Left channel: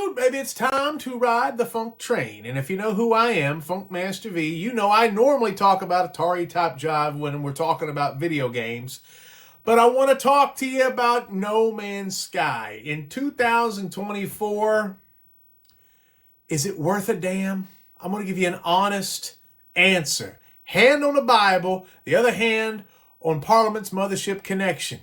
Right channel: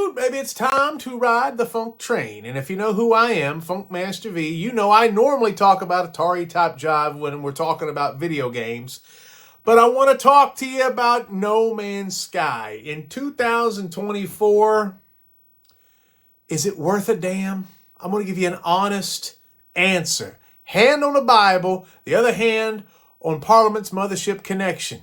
dude, maybe it's time to ride the funk train. And if you know who I am, Funkmaster V, you know I normally talk about Atari-type jive when we're talking about video games. But I want to talk to you about No Man's Sky. In 2024, is it worth a damn? I'm going to give you an honest answer. Hand on the Bible, the other hand on Parliament's Mothership Connection.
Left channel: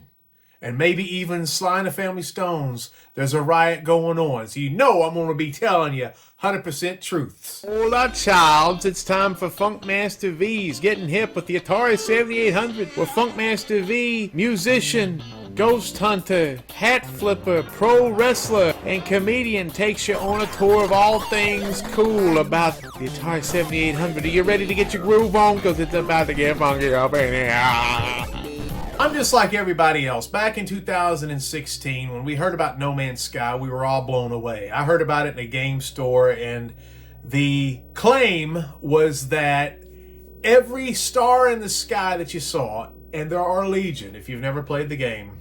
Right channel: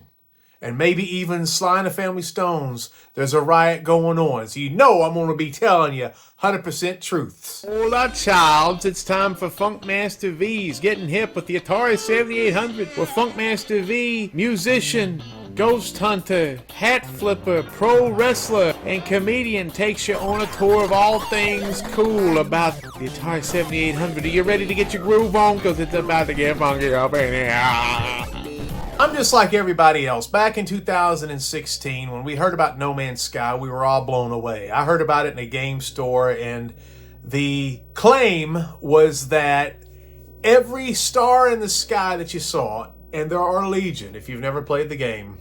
And maybe even Sly and the Family Stones, there's a riot going on. So you know I'm going to be telling you 100% truths. Hola, child. It's time for Funkmaster V's Getting Hip with the Atari 7800. Where Funkmaster V, musician, ghost hunter, hat flipper, pro wrestler, and comedian takes you on a tour of all things cool about the Atari 7800. Are you ready to get your groove on? Because it's about to get funky up in here. I'm just like everybody else. Back in 2016, when we heard about No Man's Sky, we were all blown away. I heard about it in a game store, and the claim was that every star in the sky that you saw, and there are legion if you've never played the game,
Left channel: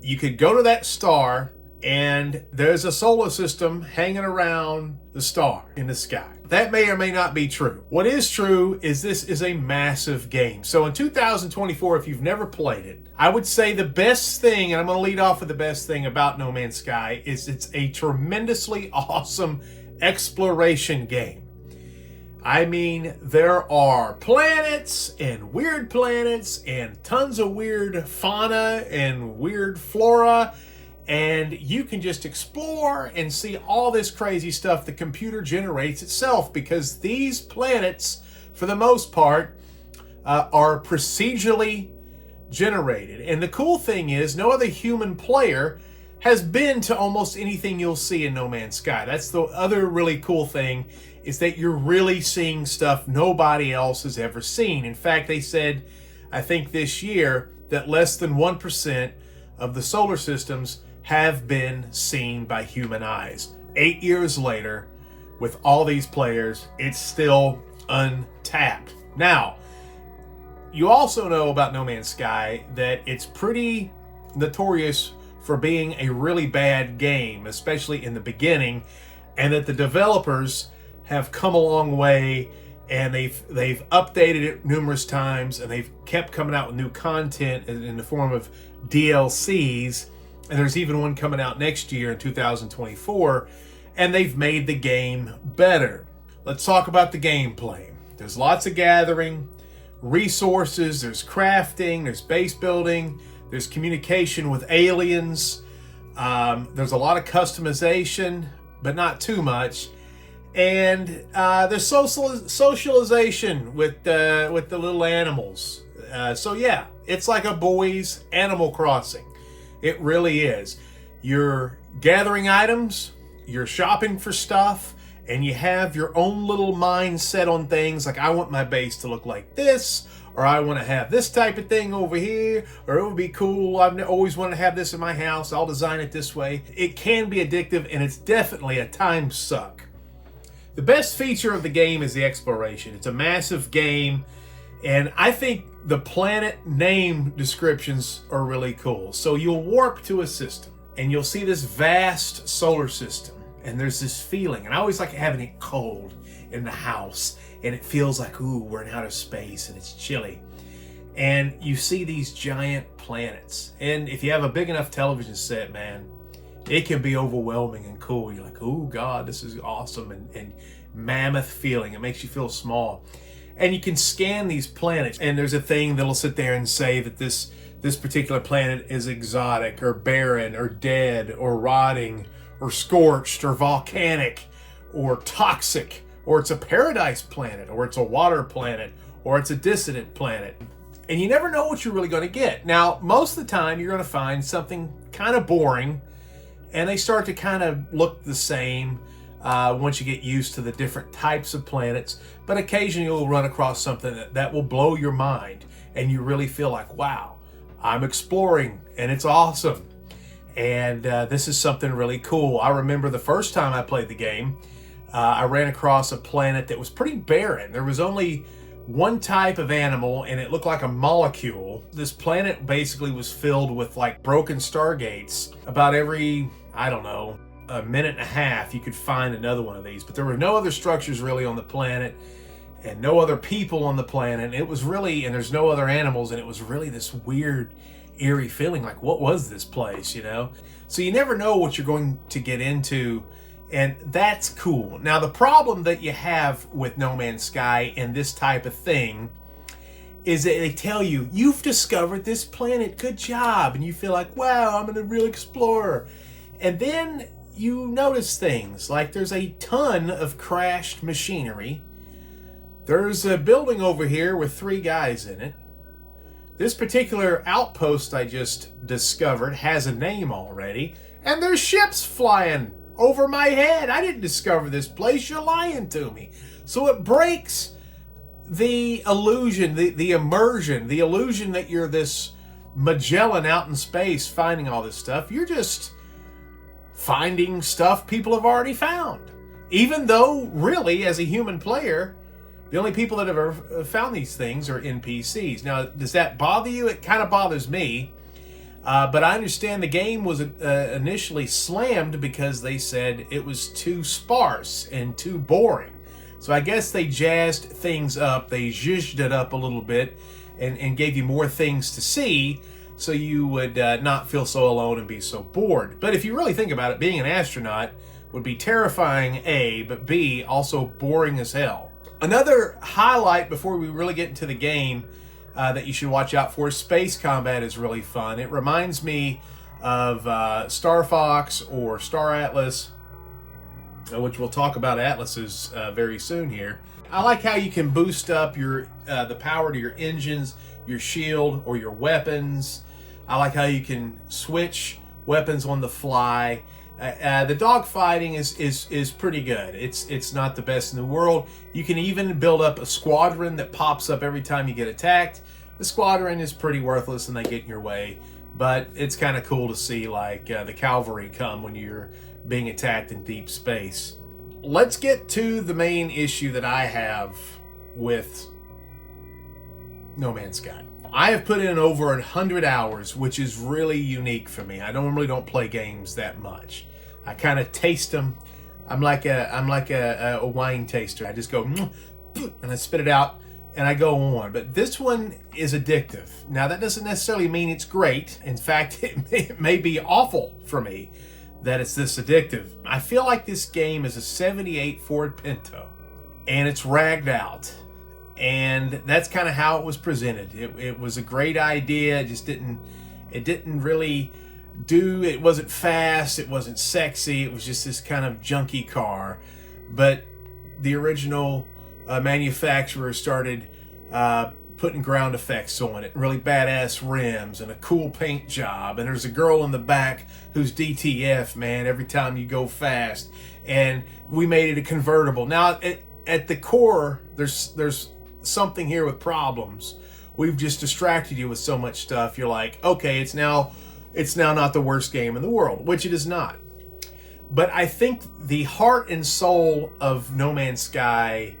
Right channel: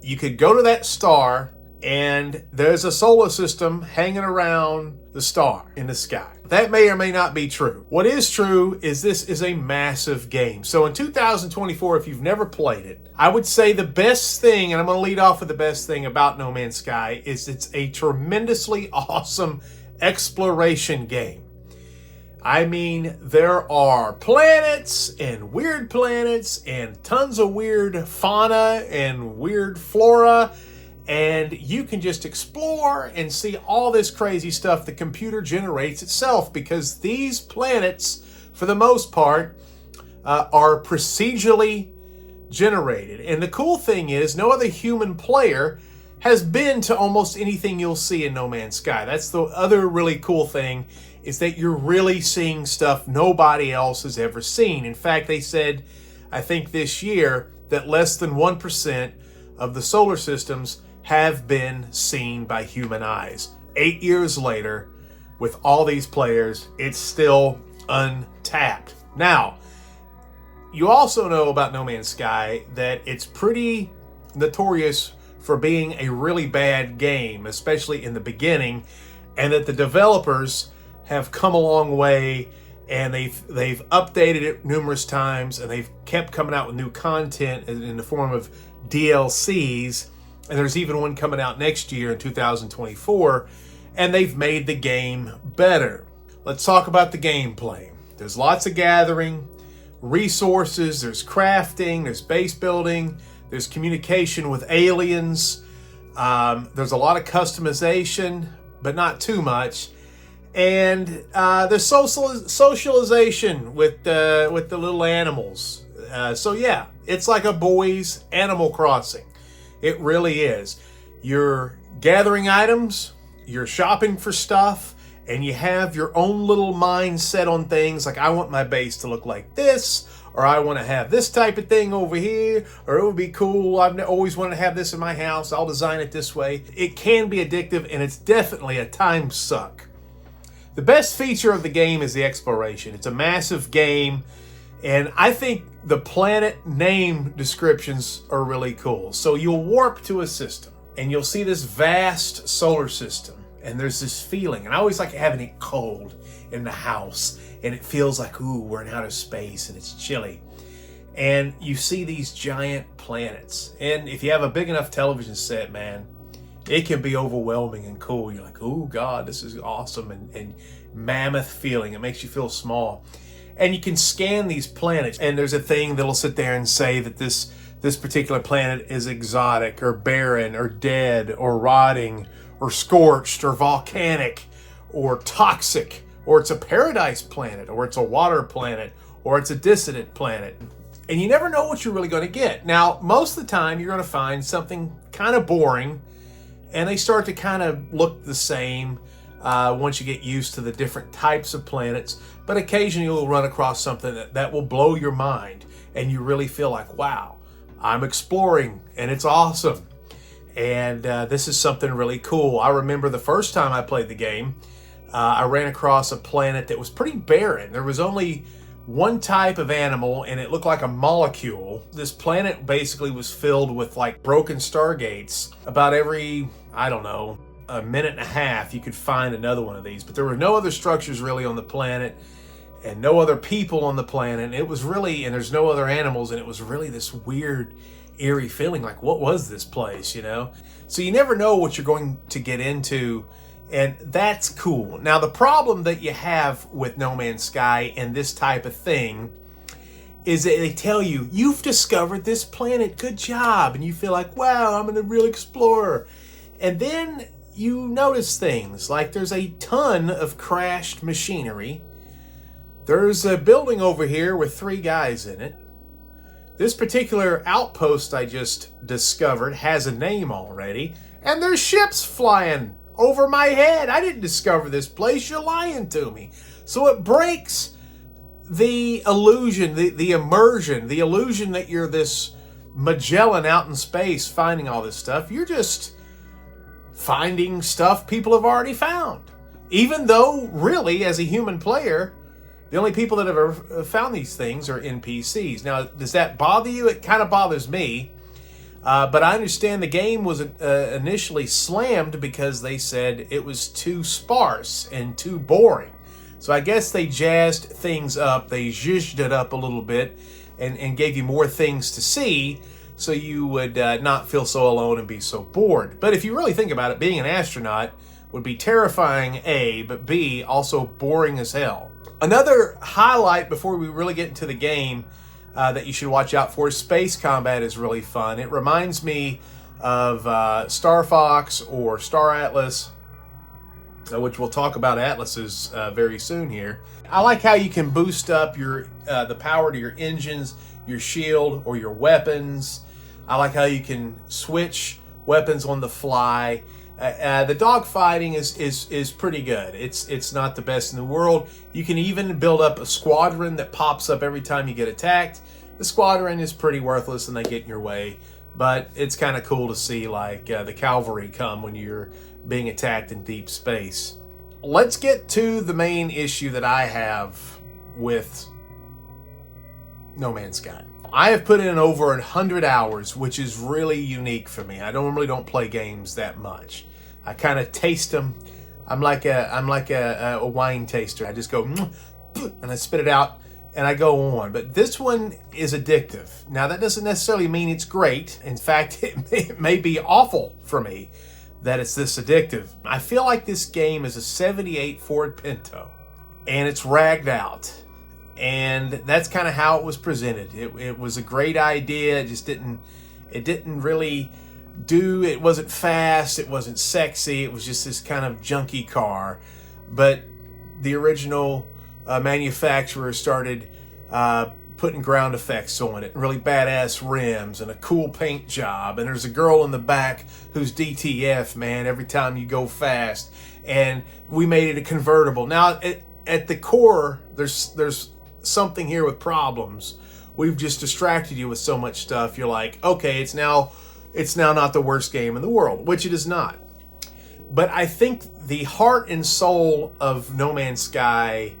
you could go to that star, and there's a solar system hanging around the star in the sky. That may or may not be true. What is true is this is a massive game. So in 2024, if you've never played it, I would say the best thing, and I'm going to lead off with the best thing about No Man's Sky, is it's a tremendously awesome exploration game. I mean, there are planets and weird planets and tons of weird fauna and weird flora. And you can just explore and see all this crazy stuff the computer generates itself, because these planets, for the most part, are procedurally generated. And the cool thing is, no other human player has been to almost anything you'll see in No Man's Sky. That's the other really cool thing, is that you're really seeing stuff nobody else has ever seen. In fact, they said, I think this year, that less than 1% of the solar systems have been seen by human eyes. 8 years later, with all these players, it's still untapped. Now, you also know about No Man's Sky that it's pretty notorious for being a really bad game, especially in the beginning, and that the developers have come a long way, and they've updated it numerous times, and they've kept coming out with new content in the form of DLCs. And there's even one coming out next year in 2024, and they've made the game better. Let's talk about the gameplay. There's lots of gathering, resources, there's crafting, there's base building, there's communication with aliens, there's a lot of customization, but not too much. And there's socialization with the little animals. So yeah, it's like a boys' Animal Crossing. It really is. You're gathering items, you're shopping for stuff, and you have your own little mindset on things like, I want my base to look like this, or I want to have this type of thing over here, or it would be cool, I've always wanted to have this in my house, I'll design it this way. It can be addictive, and it's definitely a time suck. The best feature of the game is the exploration. It's a massive game, and I think the planet name descriptions are really cool. So you'll warp to a system, and you'll see this vast solar system, and there's this feeling, and I always like having it cold in the house, and it feels like, ooh, we're in outer space, and it's chilly. And you see these giant planets, and if you have a big enough television set, man, it can be overwhelming and cool. You're like, oh God, this is awesome, and mammoth feeling. It makes you feel small. And you can scan these planets, and there's a thing that'll sit there and say that this particular planet is exotic or barren or dead or rotting or scorched or volcanic or toxic, or it's a paradise planet, or it's a water planet, or it's a dissident planet. And you never know what you're really going to get. Now, most of the time, you're going to find something kind of boring, and they start to kind of look the same once you get used to the different types of planets. But occasionally you'll run across something that will blow your mind, and you really feel like, wow, I'm exploring, and it's awesome. And this is something really cool. I remember the first time I played the game, I ran across a planet that was pretty barren. There was only one type of animal, and it looked like a molecule. This planet basically was filled with like broken stargates about every, I don't know, a minute and a half, you could find another one of these. But there were no other structures really on the planet, and no other people on the planet. It was really, and there's no other animals, and it was really this weird, eerie feeling like, what was this place, you know? So you never know what you're going to get into, and that's cool. Now, the problem that you have with No Man's Sky and this type of thing is that they tell you, you've discovered this planet, good job, and you feel like, wow, I'm a real explorer. And then you notice things, like there's a ton of crashed machinery. There's a building over here with 3 guys in it. This particular outpost I just discovered has a name already, and there's ships flying over my head. I didn't discover this place, you're lying to me. So it breaks the illusion, the immersion, the illusion that you're this Magellan out in space finding all this stuff. You're just finding stuff people have already found. Even though, really, as a human player, the only people that have ever found these things are NPCs. Now, does that bother you? It kind of bothers me. But I understand the game was initially slammed because they said it was too sparse and too boring. So I guess they jazzed things up. They zhuzhed it up a little bit and gave you more things to see so you would not feel so alone and be so bored. But if you really think about it, being an astronaut would be terrifying, A, but B, also boring as hell. Another highlight before we really get into the game that you should watch out for, space combat is really fun. It reminds me of Star Fox or Star Atlas, which we'll talk about Atlases very soon here. I like how you can boost up your the power to your engines, your shield, or your weapons. I like how you can switch weapons on the fly. The dogfighting is pretty good. It's not the best in the world. You can even build up a squadron that pops up every time you get attacked. The squadron is pretty worthless and they get in your way, but it's kind of cool to see like the cavalry come when you're being attacked in deep space. Let's get to the main issue that I have with No Man's Sky. I have put in over 100 hours, which is really unique for me. I normally don't play games that much. I kind of taste them. I'm like a wine taster. I just go and I spit it out and I go on. But this one is addictive. Now that doesn't necessarily mean it's great. In fact, it may be awful for me that it's this addictive. I feel like this game is a '78 Ford Pinto and it's ragged out. And that's kind of how it was presented. It was a great idea. It didn't really do, it wasn't fast, it wasn't sexy, it was just this kind of junky car. But the original manufacturer started putting ground effects on it, really badass rims and a cool paint job. And there's a girl in the back who's DTF, man, every time you go fast. And we made it a convertible. Now, at the core, there's something here with problems. We've just distracted you with so much stuff. You're like, okay, it's now not the worst game in the world, which it is not. But I think the heart and soul of No Man's Sky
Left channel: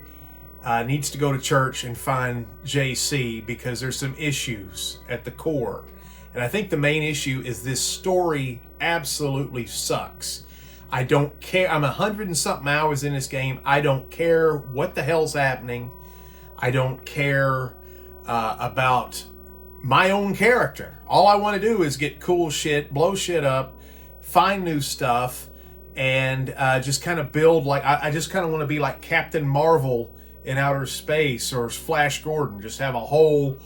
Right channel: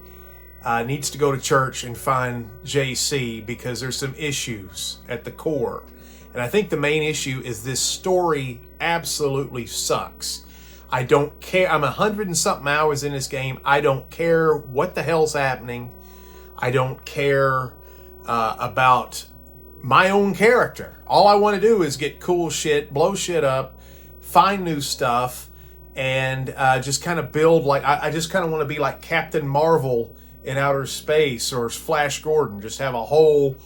needs to go to church and find JC, because there's some issues at the core. And I think the main issue is this story absolutely sucks. I don't care. I'm 100 and something hours in this game. I don't care what the hell's happening. I don't care about my own character. All I want to do is get cool shit, blow shit up, find new stuff, and just kind of build like, I just kind of want to be like Captain Marvel in outer space, or Flash Gordon, just have a whole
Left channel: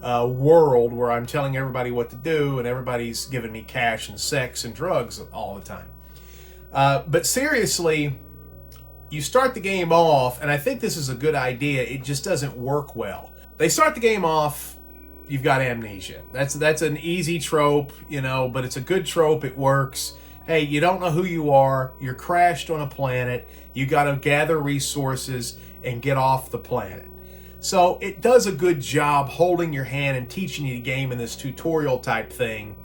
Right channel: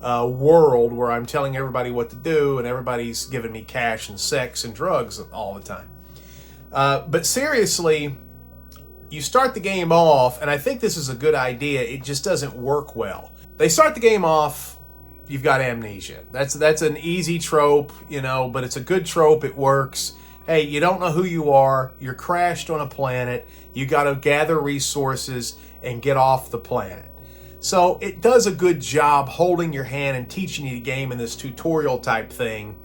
world where I'm telling everybody what to do and everybody's giving me cash and sex and drugs all the time. But seriously, you start the game off, and I think this is a good idea, it just doesn't work well. They start the game off, you've got amnesia. That's an easy trope, you know, but it's a good trope, it works. Hey, you don't know who you are, you're crashed on a planet, you got to gather resources and get off the planet. So it does a good job holding your hand and teaching you the game in this tutorial type thing,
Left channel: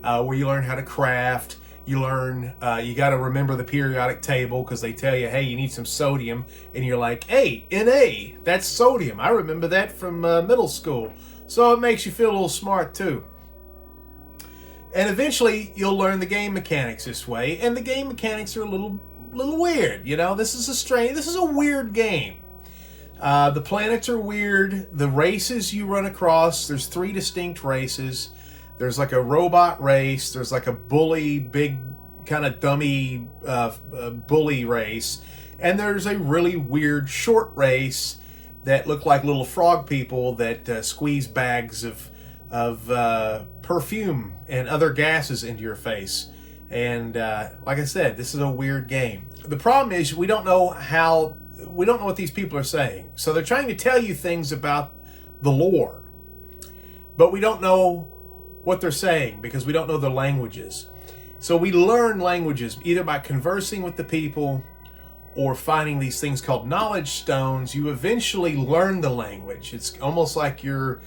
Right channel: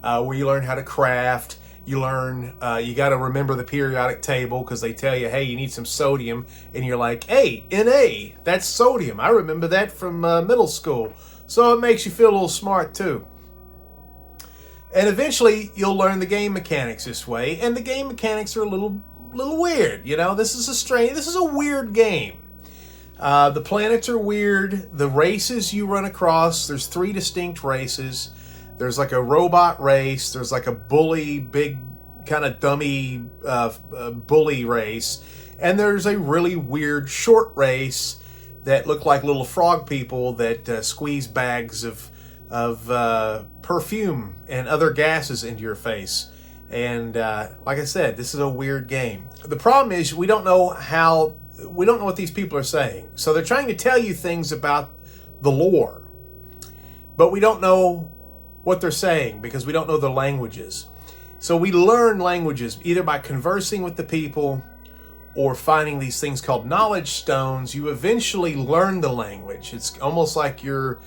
where you learn how to craft. You learn, you got to remember the periodic table, because they tell you, hey, you need some sodium. And you're like, hey, Na, that's sodium. I remember that from middle school. So it makes you feel a little smart too. And eventually you'll learn the game mechanics this way, and the game mechanics are a little weird. You know, this is a weird game. The planets are weird. The races you run across, there's 3 distinct races. There's like a robot race. There's like a bully, big kind of dummy bully race. And there's a really weird short race that look like little frog people that squeeze bags of perfume and other gases into your face. And like I said, this is a weird game. The problem is we don't know what these people are saying. So they're trying to tell you things about the lore, but we don't know what they're saying because we don't know their languages. So we learn languages either by conversing with the people or finding these things called knowledge stones. You eventually learn the language. It's almost like you're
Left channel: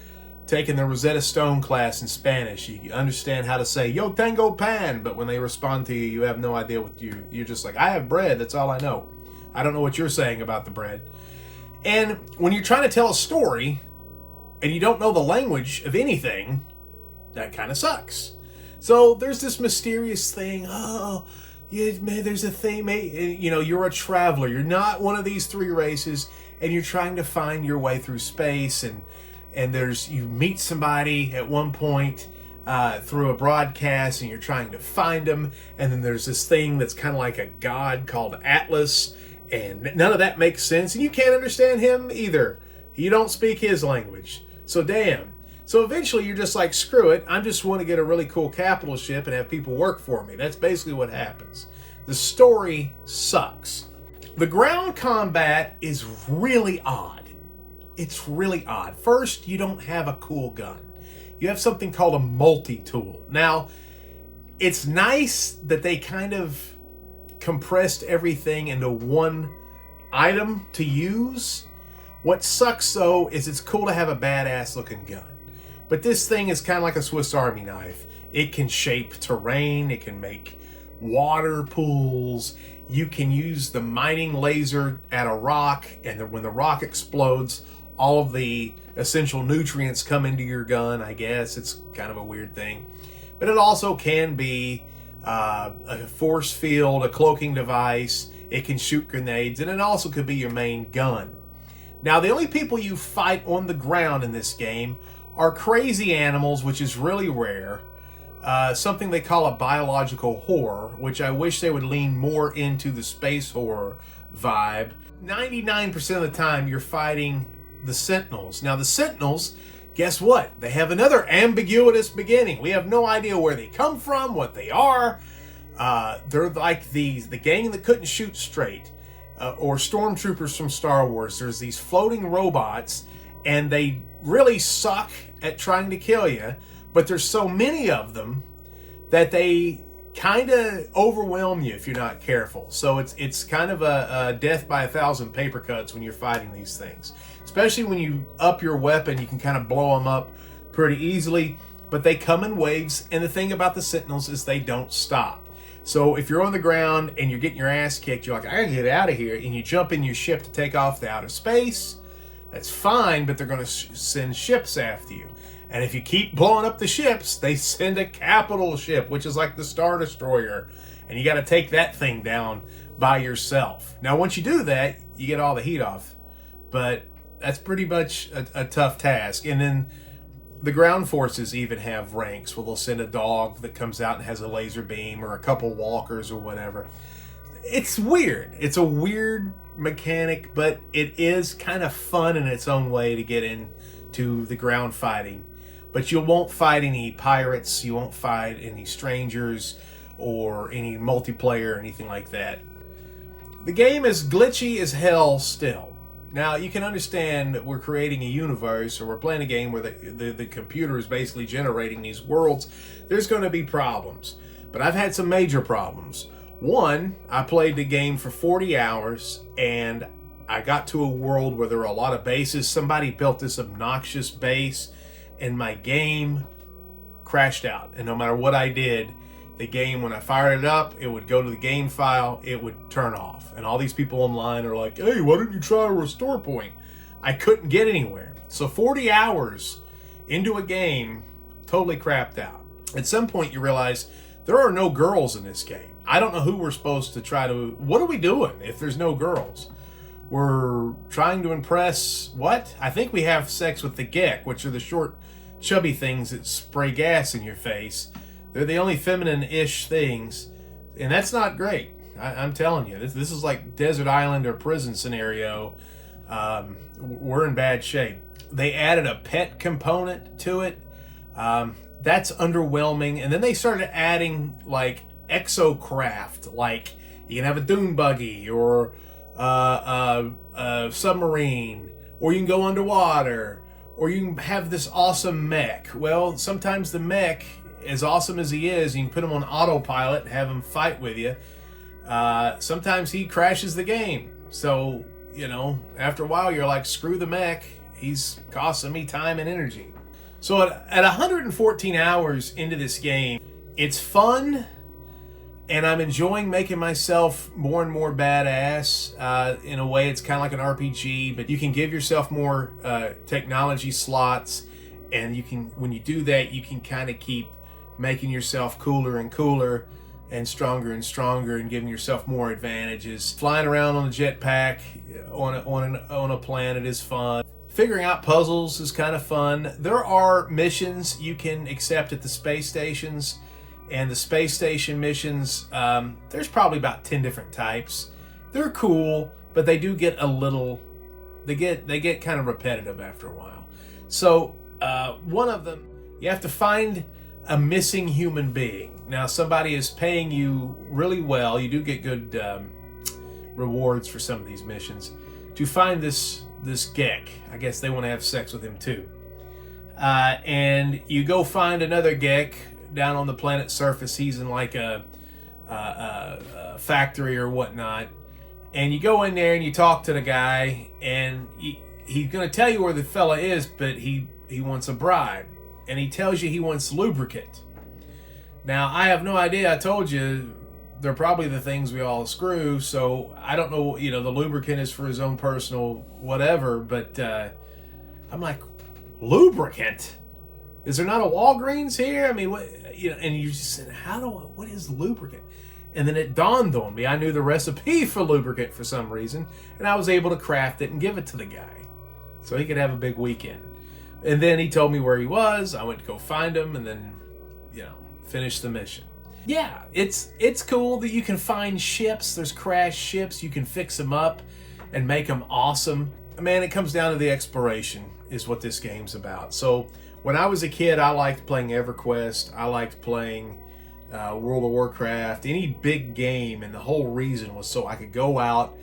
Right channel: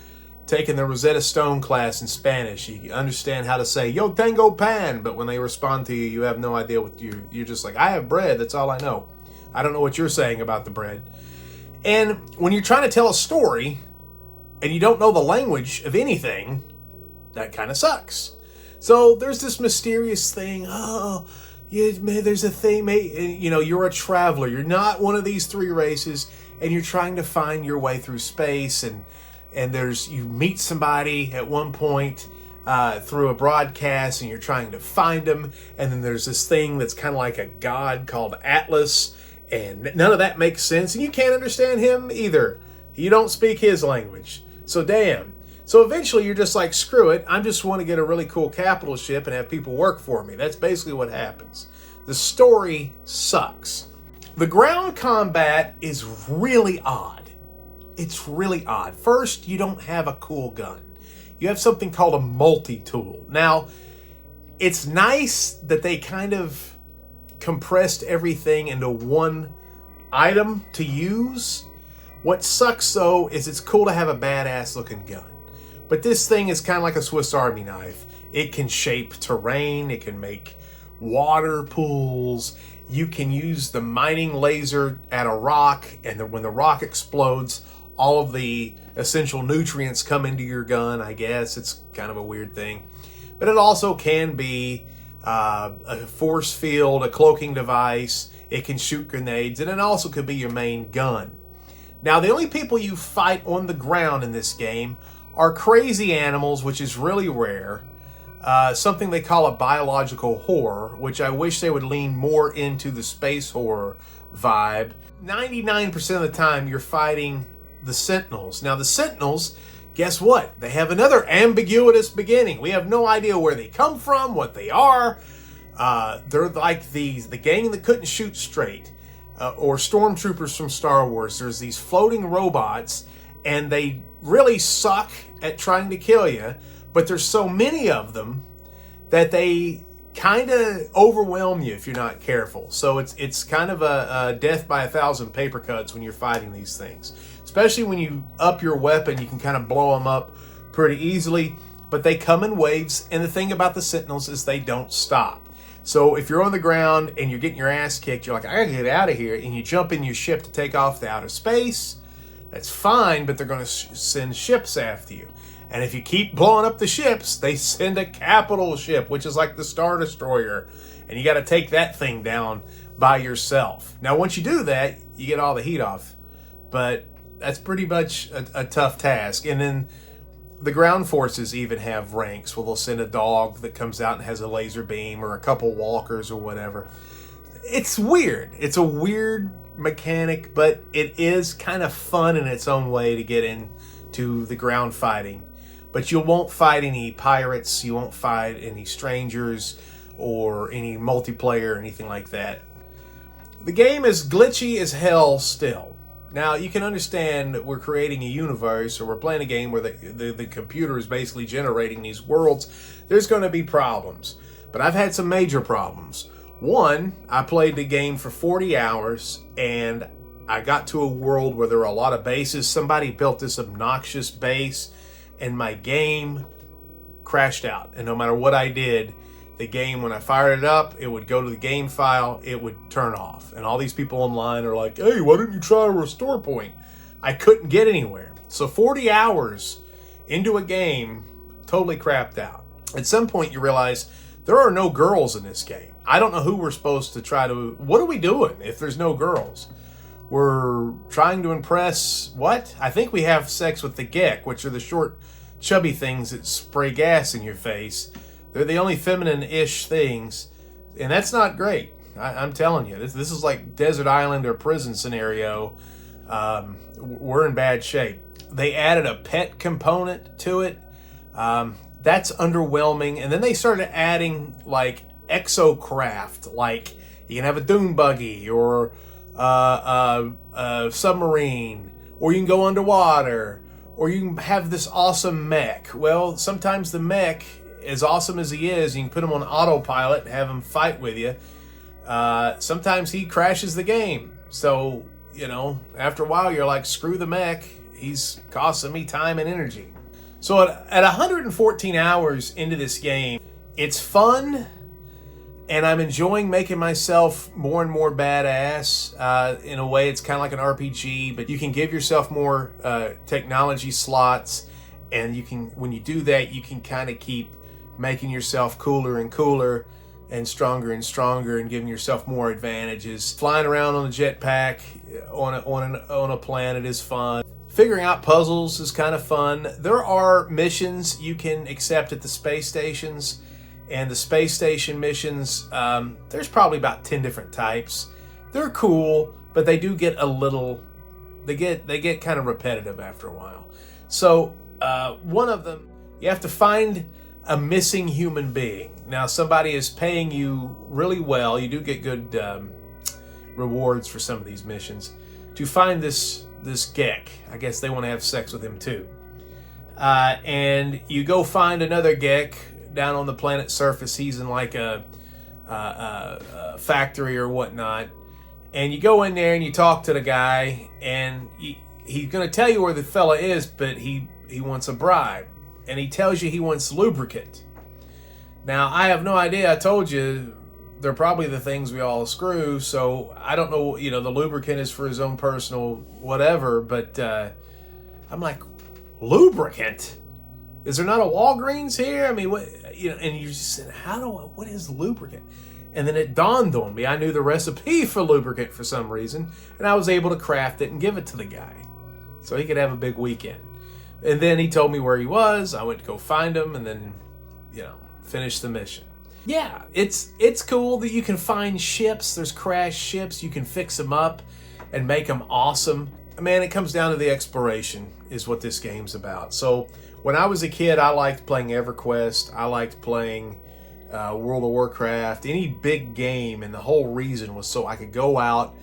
taking the Rosetta Stone class in Spanish. You understand how to say, yo tengo pan, but when they respond to you, you have no idea what you're just like, I have bread, that's all I know. I don't know what you're saying about the bread. And when you're trying to tell a story and you don't know the language of anything, that kind of sucks. So there's this mysterious thing. Oh, yeah, there's a thing. You know, you're a traveler. You're not one of these 3 races, and you're trying to find your way through space. And you meet somebody at one point through a broadcast, and you're trying to find them. And then there's this thing that's kind of like a god called Atlas. And none of that makes sense, and you can't understand him either. You don't speak his language. So damn. So eventually you're just like, screw it. I just want to get a really cool capital ship and have people work for me. That's basically what happens. The story sucks. The ground combat is really odd. It's really odd. First, you don't have a cool gun. You have something called a multi-tool. Now, it's nice that they kind of compressed everything into one item to use. What sucks though is it's cool to have a badass looking gun, but this thing is kind of like a Swiss Army knife. It can shape terrain, it can make water pools, you can use the mining laser at a rock, and then when the rock explodes, all of the essential nutrients come into your gun. I guess it's kind of a weird thing, but it also can be a force field, a cloaking device. It can shoot grenades, and it also could be your main gun. Now, the only people you fight on the ground in this game are crazy animals, which is really rare. Something they call a biological horror, which I wish they would lean more into the space horror vibe. 99% of the time, you're fighting the Sentinels. Now, the Sentinels, guess what? They have another ambiguous beginning. We have no idea where they come from, what they are. They're like the gang that couldn't shoot straight, or stormtroopers from Star Wars. There's these floating robots, and they really suck at trying to kill you, but there's so many of them that they kind of overwhelm you if you're not careful. So it's kind of a death by 1,000 paper cuts when you're fighting these things. Especially when you up your weapon, you can kind of blow them up pretty easily, but they come in waves, and the thing about the Sentinels is they don't stop. So if you're on the ground and you're getting your ass kicked, you're like, I gotta get out of here, and you jump in your ship to take off to outer space, that's fine, but they're gonna send ships after you. And if you keep blowing up the ships, they send a capital ship, which is like the Star Destroyer, and you gotta take that thing down by yourself. Now, once you do that, you get all the heat off, but that's pretty much a tough task. And then the ground forces even have ranks where they'll send a dog that comes out and has a laser beam, or a couple walkers or whatever. It's weird. It's a weird mechanic, but it is kind of fun in its own way to get into the ground fighting. But you won't fight any pirates, you won't fight any strangers, or any multiplayer or anything like that. The game is glitchy as hell still. Now, you can understand that we're creating a universe, or we're playing a game where the computer is basically generating these worlds. There's going to be problems. But I've had some major problems. One, I played the game for 40 hours, and I got to a world where there were a lot of bases. Somebody built this obnoxious base, and my game crashed out. And no matter what I did, the game, when I fired it up, it would go to the game file, it would turn off. And all these people online are like, hey, why didn't you try a restore point? I couldn't get anywhere. So 40 hours into a game, totally crapped out. At some point, you realize there are no girls in this game. I don't know who we're supposed to try to... What are we doing if there's no girls? We're trying to impress... What? I think we have sex with the Gek, which are the short, chubby things that spray gas in your face. They're the only feminine-ish things, and that's not great. I'm telling you, this is like desert island or prison scenario. We're in bad shape. They added a pet component to it. That's underwhelming. And then they started adding like exocraft, like you can have a dune buggy or a submarine, or you can go underwater, or you can have this awesome mech. Well, sometimes the mech, as awesome as he is, you can put him on autopilot and have him fight with you. Sometimes he crashes the game. So, you know, after a while, you're like, screw the mech. He's costing me time and energy. So at 114 hours into this game, it's fun, and I'm enjoying making myself more and more badass. In a way, it's kind of like an RPG, but you can give yourself more technology slots, and you can, when you do that, you can kind of keep making yourself cooler and cooler and stronger and giving yourself more advantages. Flying around on a jetpack on a planet is fun. Figuring out puzzles is kind of fun. There are missions you can accept at the space stations, and the space station missions, there's probably about 10 different types. They're cool, but they do get a little, they get kind of repetitive after a while. So one of them, you have to find a missing human being. Now, somebody is paying you really well. You do get good rewards for some of these missions to find this Gek. I guess they want to have sex with him too. And you go find another Gek down on the planet's surface. He's in like a factory or whatnot. And you go in there and you talk to the guy, and he's going to tell you where the fella is, but he wants a bribe. And he tells you he wants lubricant. Now, I have no idea. I told you they're probably the things we all screw, so I don't know, you know, the lubricant is for his own personal whatever, but I'm like, lubricant? Is there not a Walgreens here? I mean, what, you know, and you just said, what is lubricant? And then it dawned on me, I knew the recipe for lubricant for some reason, and I was able to craft it and give it to the guy so he could have a big weekend. And then he told me where he was. I went to go find him and then, you know, finish the mission. Yeah, it's cool that you can find ships. There's crashed ships. You can fix them up and make them awesome. Man, it comes down to the exploration is what this game's about. So when I was a kid, I liked playing EverQuest. I liked playing World of Warcraft, any big game, and the whole reason was so I could go out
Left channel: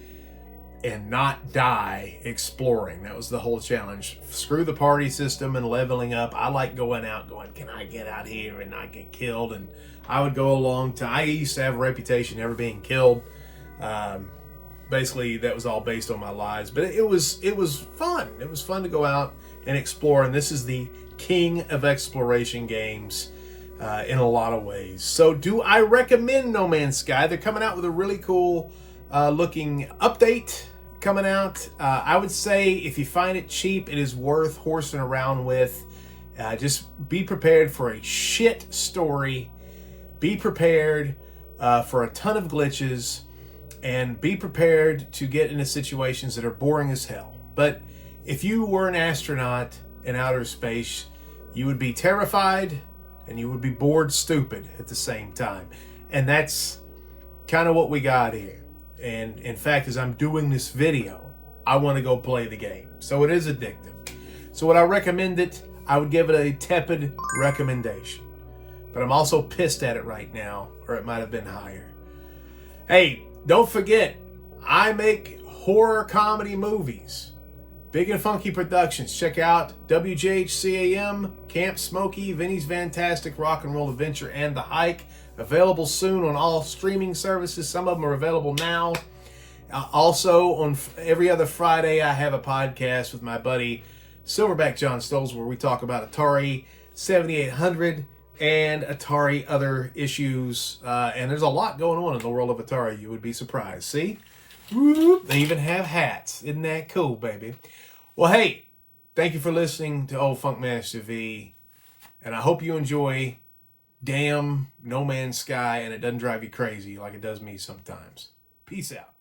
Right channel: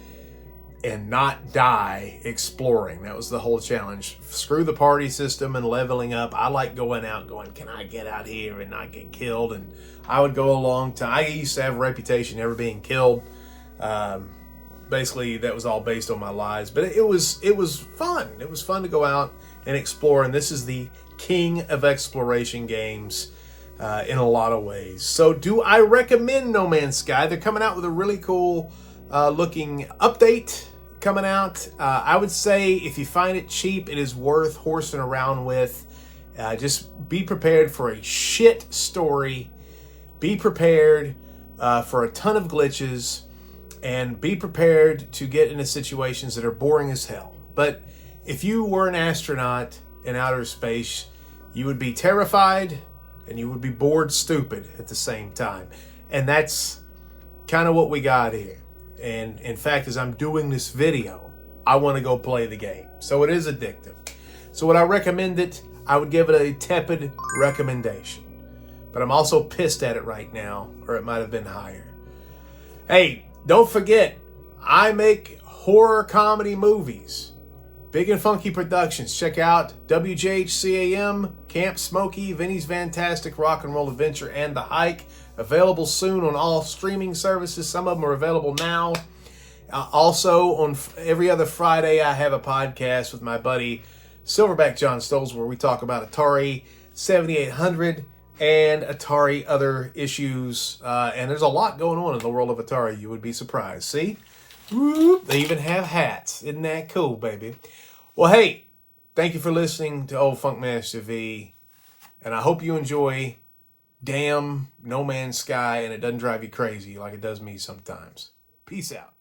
and not die exploring. That was the whole challenge. Screw the party system and leveling up. I like going out going, can I get out here and not get killed? And I would go a long time. I used to have a reputation never being killed. Basically, that was all based on my lies. But it was fun. It was fun to go out and explore. And this is the king of exploration games in a lot of ways. So do I recommend No Man's Sky? They're coming out with a really cool looking update coming out. I would say if you find it cheap, it is worth horsing around with. Just be prepared for a shit story. Be prepared for a ton of glitches, and be prepared to get into situations that are boring as hell. But if you were an astronaut in outer space, you would be terrified and you would be bored stupid at the same time. And that's kind of what we got here. And in fact, as I'm doing this video, I want to go play the game. So it is addictive. So would I recommend it? I would give it a tepid recommendation. But I'm also pissed at it right now, or it might have been higher. Hey, don't forget, I make horror comedy movies. Big and Funky Productions. Check out WJHCAM, Camp Smokey, Vinny's Fantastic Rock and Roll Adventure, and The Hike. Available soon on all streaming services. Some of them are available now. Also, on every other Friday, I have a podcast with my buddy Silverback John Stoles where we talk about Atari 7800 and Atari other issues. And there's a lot going on in the world of Atari. You would be surprised. See? They even have hats. Isn't that cool, baby? Well, hey, thank you for listening to Old Funkmaster V. And I hope you enjoy damn No Man's Sky and it doesn't drive you crazy like it does me sometimes. Peace out.